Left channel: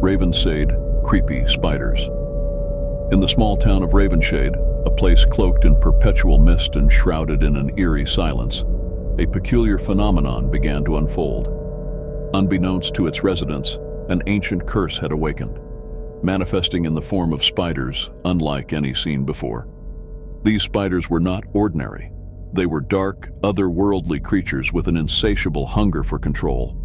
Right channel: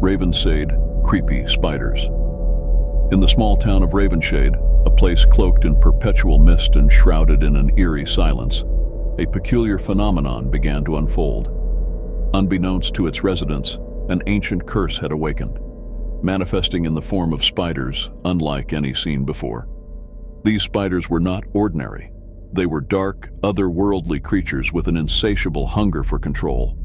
Ravenshade, creepy spiders. In the small town of Ravenshade, a place cloaked in perpetual mist and shrouded in an eerie silence, a peculiar phenomenon began to unfold. Unbeknownst to its residents, an ancient curse had awakened, manifesting in the form of spiders unlike any seen before. These spiders were not ordinary. They were dark, otherworldly creatures with an insatiable hunger for control.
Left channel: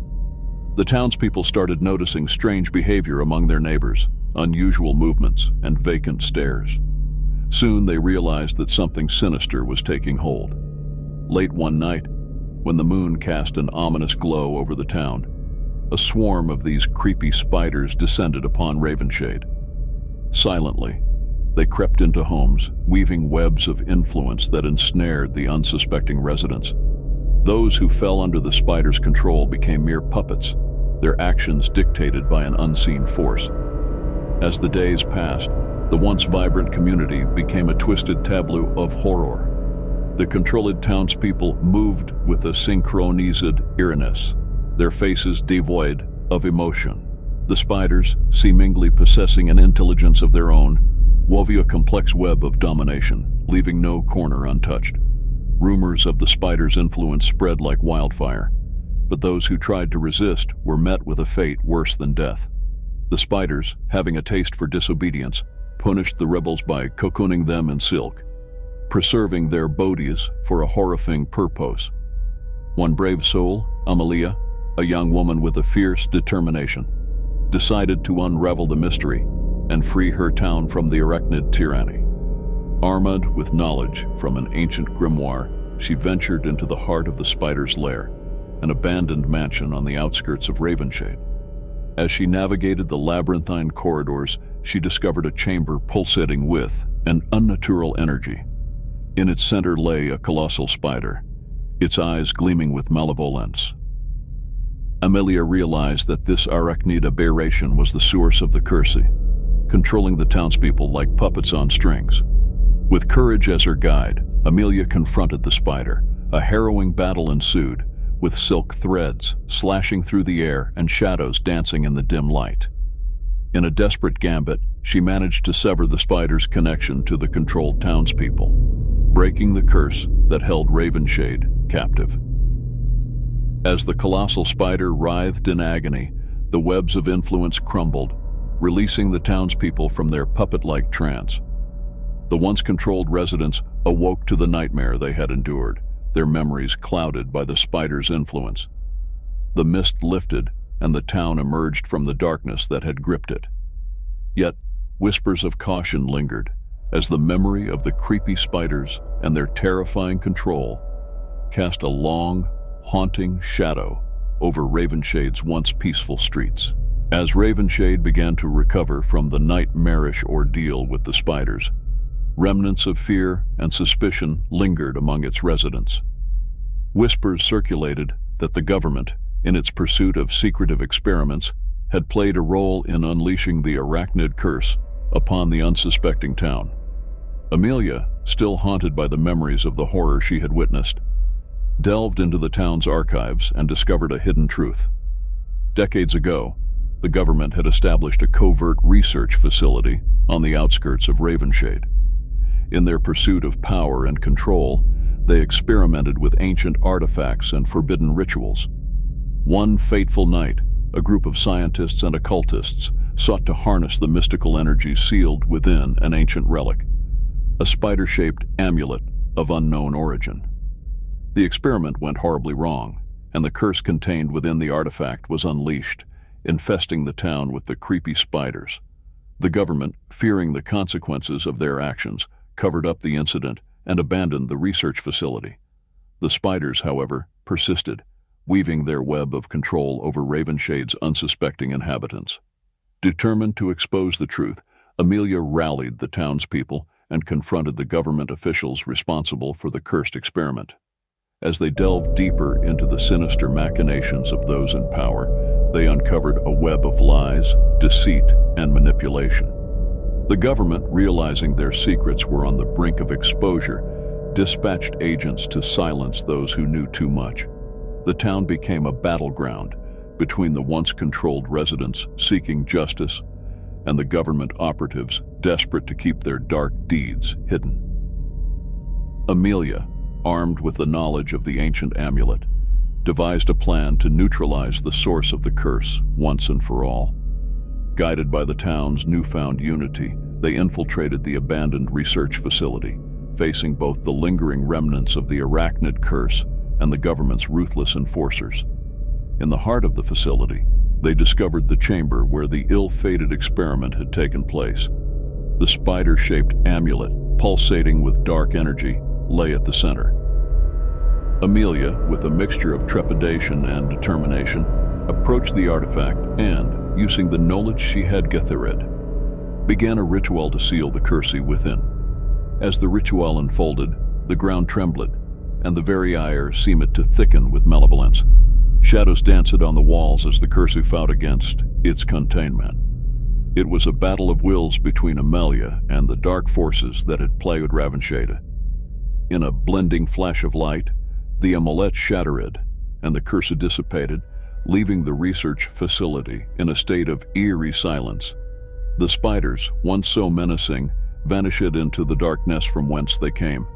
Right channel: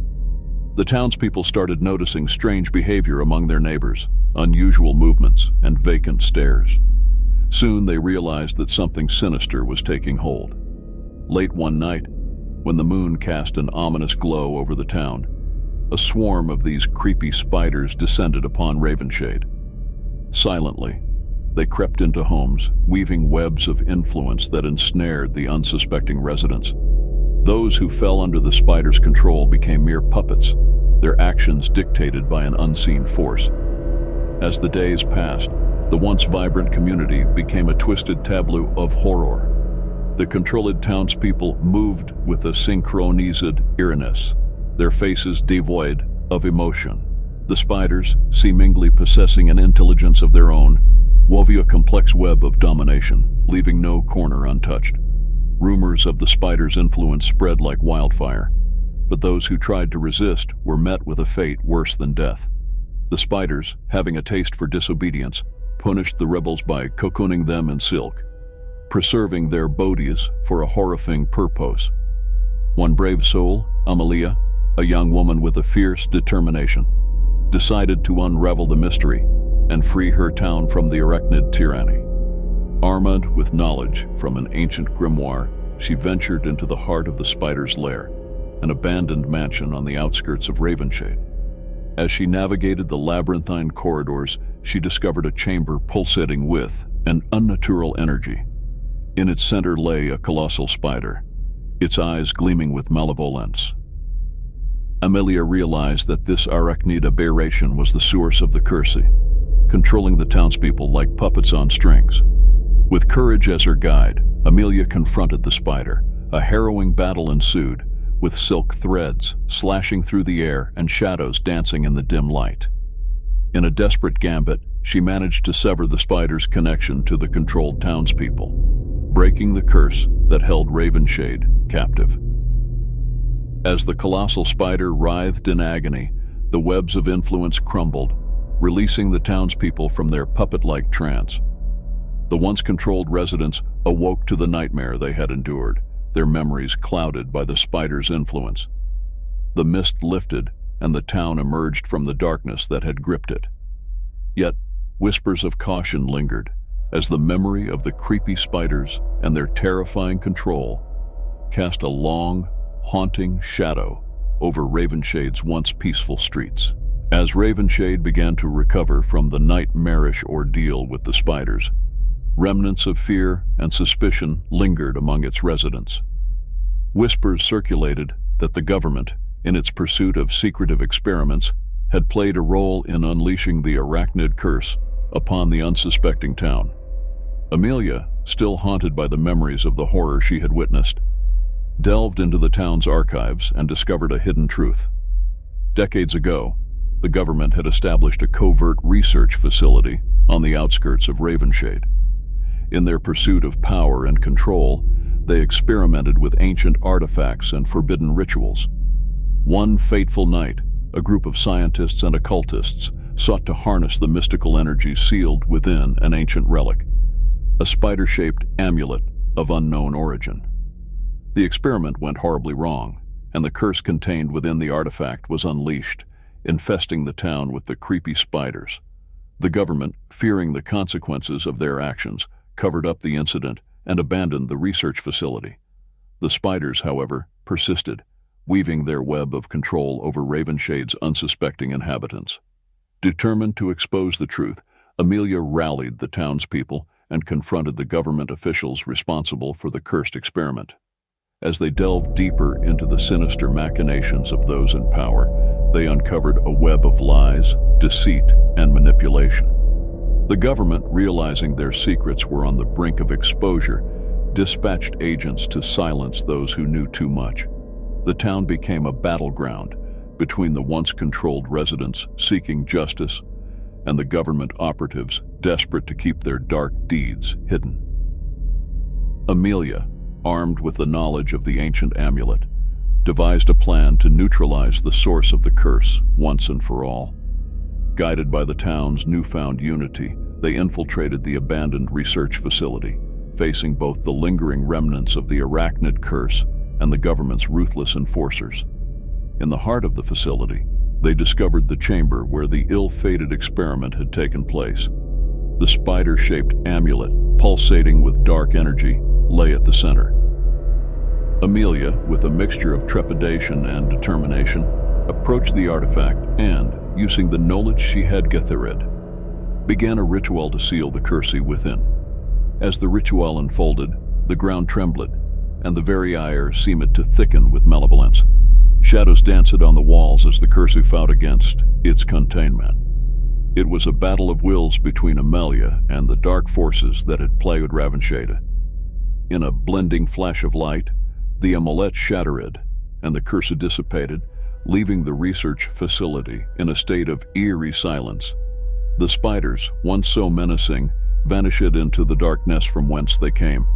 The townspeople started noticing strange behavior among their neighbors, unusual movements, and vacant stares. Soon they realized that something sinister was taking hold. Late one night, when the moon cast an ominous glow over the town, a swarm of these creepy spiders descended upon Ravenshade. Silently, they crept into homes, weaving webs of influence that ensnared the unsuspecting residents. Those who fell under the spiders' control became mere puppets, their actions dictated by an unseen force. As the days passed, the once vibrant community became a twisted tableau of horror. The controlled townspeople moved with a synchronized eeriness, their faces devoid of emotion. The spiders, seemingly possessing an intelligence of their own, wove a complex web of domination, leaving no corner untouched. Rumors of the spiders' influence spread like wildfire, but those who tried to resist were met with a fate worse than death. The spiders, having a taste for disobedience, punished the rebels by cocooning them in silk, preserving their bodies for a horrifying purpose. One brave soul, Amelia, a young woman with a fierce determination, decided to unravel the mystery and free her town from the arachnid tyranny. Armed with knowledge from an ancient grimoire, she ventured into the heart of the spider's lair, an abandoned mansion on the outskirts of Ravenshade. As she navigated the labyrinthine corridors, she discovered a chamber pulsating with an unnatural energy. In its center lay a colossal spider, its eyes gleaming with malevolence. Amelia realized that this arachnid aberration was the source of the curse, controlling the townspeople like puppets on strings. With courage as her guide, Amelia confronted the spider. A harrowing battle ensued, with silk threads slashing through the air and shadows dancing in the dim light. In a desperate gambit, she managed to sever the spider's connection to the controlled townspeople, breaking the curse that held Ravenshade captive. As the colossal spider writhed in agony, the webs of influence crumbled, releasing the townspeople from their puppet-like trance. The once controlled residents awoke to the nightmare they had endured, their memories clouded by the spider's influence. The mist lifted, and the town emerged from the darkness that had gripped it. Yet, whispers of caution lingered, as the memory of the creepy spiders and their terrifying control cast a long, haunting shadow over Ravenshade's once peaceful streets. As Ravenshade began to recover from the nightmarish ordeal with the spiders, remnants of fear and suspicion lingered among its residents. Whispers circulated that the government, in its pursuit of secretive experiments, had played a role in unleashing the arachnid curse upon the unsuspecting town. Amelia, still haunted by the memories of the horror she had witnessed, delved into the town's archives and discovered a hidden truth. Decades ago, the government had established a covert research facility on the outskirts of Ravenshade. In their pursuit of power and control, they experimented with ancient artifacts and forbidden rituals. One fateful night, a group of scientists and occultists sought to harness the mystical energy sealed within an ancient relic, a spider-shaped amulet of unknown origin. The experiment went horribly wrong, and the curse contained within the artifact was unleashed, infesting the town with the creepy spiders. The government, fearing the consequences of their actions, covered up the incident and abandoned the research facility. The spiders, however, persisted, weaving their web of control over Ravenshade's unsuspecting inhabitants. Determined to expose the truth, Amelia rallied the townspeople and confronted the government officials responsible for the cursed experiment. As they delved deeper into the sinister machinations of those in power, they uncovered a web of lies, deceit, and manipulation. The government, realizing their secrets were on the brink of exposure, dispatched agents to silence those who knew too much. The town became a battleground, between the once-controlled residents seeking justice and the government operatives desperate to keep their dark deeds hidden. Amelia, armed with the knowledge of the ancient amulet, devised a plan to neutralize the source of the curse once and for all. Guided by the town's newfound unity, they infiltrated the abandoned research facility, facing both the lingering remnants of the arachnid curse and the government's ruthless enforcers. In the heart of the facility, they discovered the chamber where the ill-fated experiment had taken place. The spider-shaped amulet, pulsating with dark energy, lay at the center. Amelia, with a mixture of trepidation and determination, approached the artifact and, using the knowledge she had gathered, began a ritual to seal the curse within. As the ritual unfolded, the ground trembled, and the very air seemed to thicken with malevolence. Shadows danced on the walls as the curse fought against its containment. It was a battle of wills between Amelia and the dark forces that had plagued Ravenshade. In a blending flash of light, the amulet shattered, and the curse dissipated, leaving the research facility in a state of eerie silence. The spiders, once so menacing, vanished into the darkness from whence they came.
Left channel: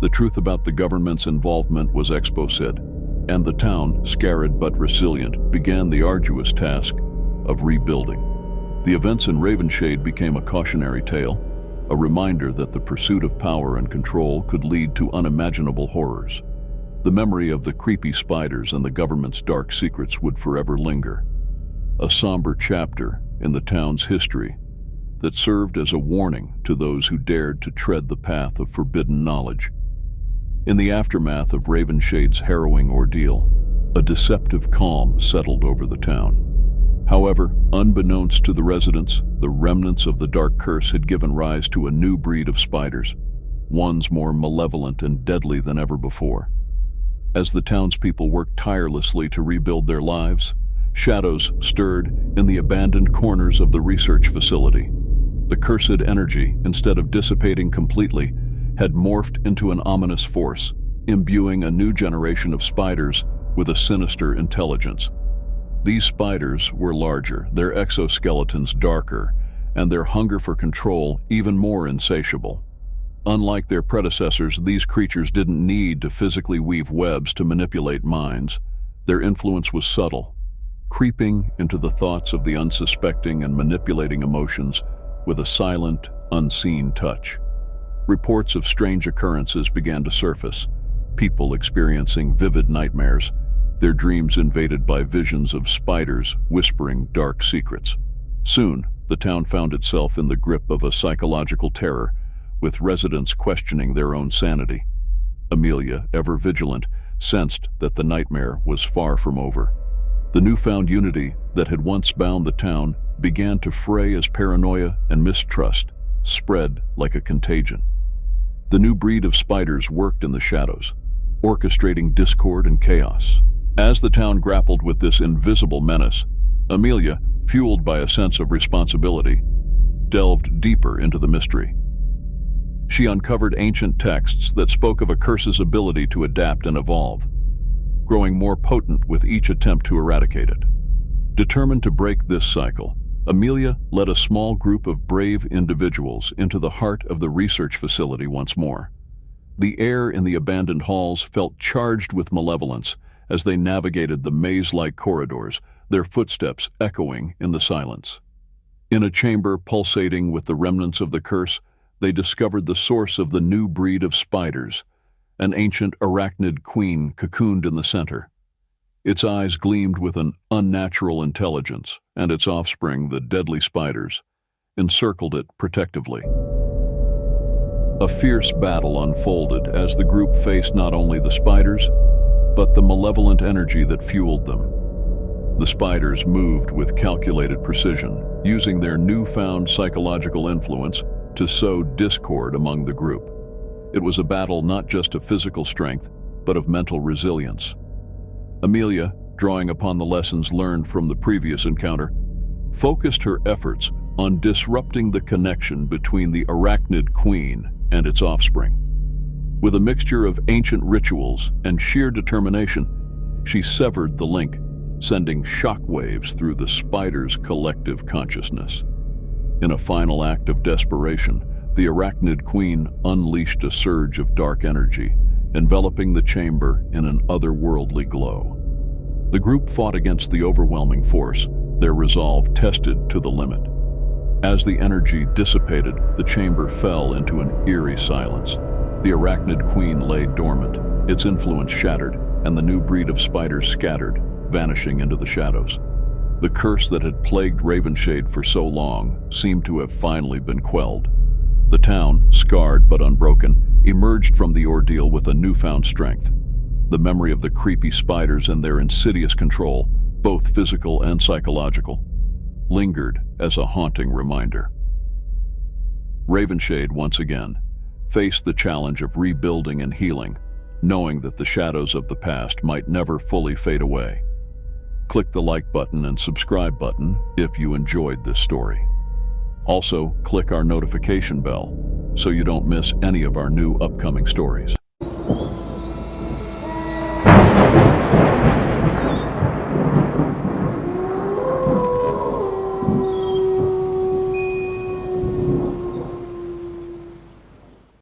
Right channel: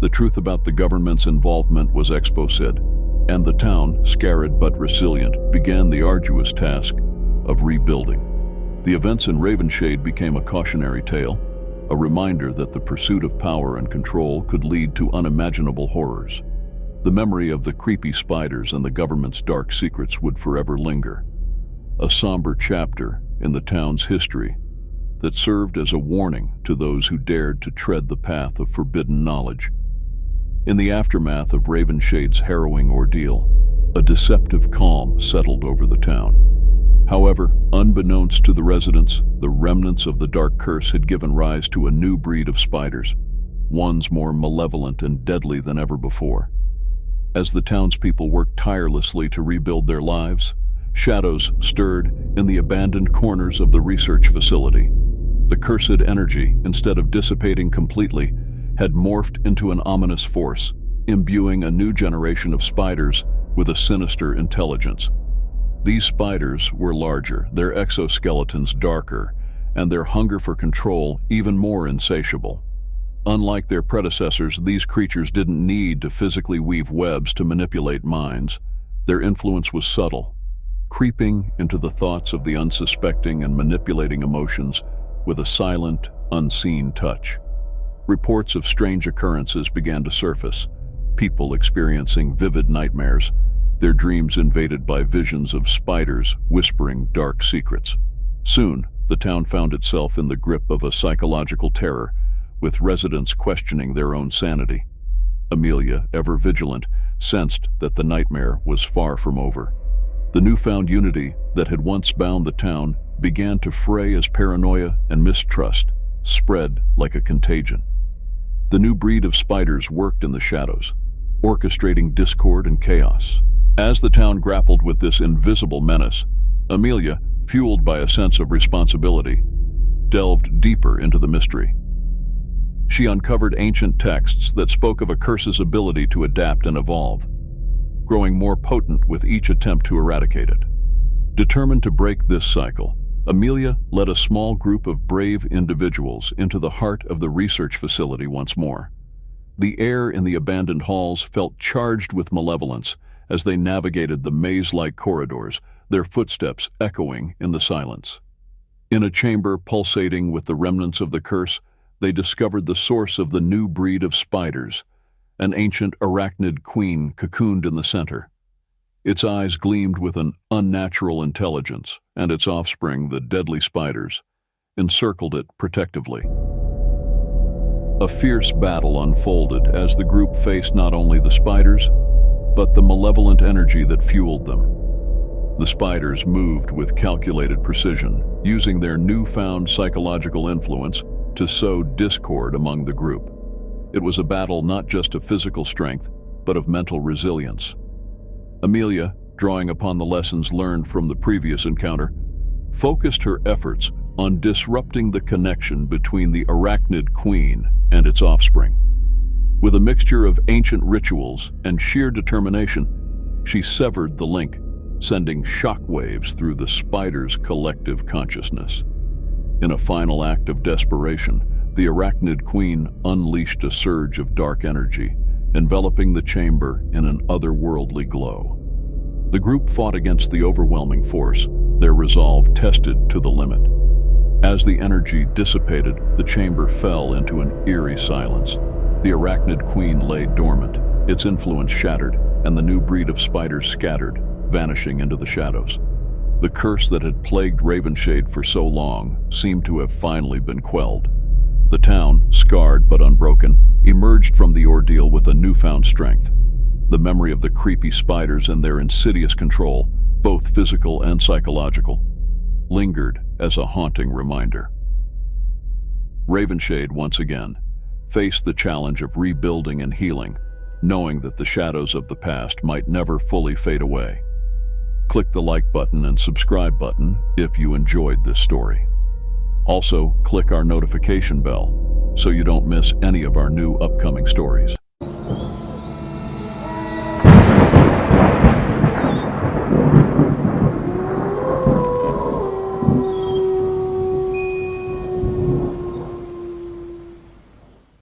The truth about the government's involvement was exposed, and the town, scared but resilient, began the arduous task of rebuilding. The events in Ravenshade became a cautionary tale, a reminder that the pursuit of power and control could lead to unimaginable horrors. The memory of the creepy spiders and the government's dark secrets would forever linger, a somber chapter in the town's history that served as a warning to those who dared to tread the path of forbidden knowledge. In the aftermath of Ravenshade's harrowing ordeal, a deceptive calm settled over the town. However, unbeknownst to the residents, the remnants of the dark curse had given rise to a new breed of spiders, ones more malevolent and deadly than ever before. As the townspeople worked tirelessly to rebuild their lives, shadows stirred in the abandoned corners of the research facility. The cursed energy, instead of dissipating completely, had morphed into an ominous force, imbuing a new generation of spiders with a sinister intelligence. These spiders were larger, their exoskeletons darker, and their hunger for control even more insatiable. Unlike their predecessors, these creatures didn't need to physically weave webs to manipulate minds. Their influence was subtle, creeping into the thoughts of the unsuspecting and manipulating emotions with a silent, unseen touch. Reports of strange occurrences began to surface, people experiencing vivid nightmares, their dreams invaded by visions of spiders whispering dark secrets. Soon, the town found itself in the grip of a psychological terror, with residents questioning their own sanity. Amelia, ever vigilant, sensed that the nightmare was far from over. The newfound unity that had once bound the town began to fray as paranoia and mistrust spread like a contagion. The new breed of spiders worked in the shadows, orchestrating discord and chaos. As the town grappled with this invisible menace, Amelia, fueled by a sense of responsibility, delved deeper into the mystery. She uncovered ancient texts that spoke of a curse's ability to adapt and evolve, growing more potent with each attempt to eradicate it. Determined to break this cycle, Amelia led a small group of brave individuals into the heart of the research facility once more. The air in the abandoned halls felt charged with malevolence as they navigated the maze-like corridors, their footsteps echoing in the silence. In a chamber pulsating with the remnants of the curse, they discovered the source of the new breed of spiders, an ancient arachnid queen cocooned in the center. Its eyes gleamed with an unnatural intelligence, and its offspring, the deadly spiders, encircled it protectively. A fierce battle unfolded as the group faced not only the spiders, but the malevolent energy that fueled them. The spiders moved with calculated precision, using their newfound psychological influence to sow discord among the group. It was a battle not just of physical strength, but of mental resilience. Amelia, drawing upon the lessons learned from the previous encounter, focused her efforts on disrupting the connection between the arachnid queen and its offspring. With a mixture of ancient rituals and sheer determination, she severed the link, sending shockwaves through the spider's collective consciousness. In a final act of desperation, the arachnid queen unleashed a surge of dark energy, enveloping the chamber in an otherworldly glow. The group fought against the overwhelming force, their resolve tested to the limit. As the energy dissipated, the chamber fell into an eerie silence. The arachnid queen lay dormant, its influence shattered, and the new breed of spiders scattered, vanishing into the shadows. The curse that had plagued Ravenshade for so long seemed to have finally been quelled. The town, scarred but unbroken, emerged from the ordeal with a newfound strength. The memory of the creepy spiders and their insidious control, both physical and psychological, lingered as a haunting reminder. Ravenshade once again faced the challenge of rebuilding and healing, knowing that the shadows of the past might never fully fade away. Click the like button and subscribe button if you enjoyed this story. Also, click our notification bell so you don't miss any of our new upcoming stories.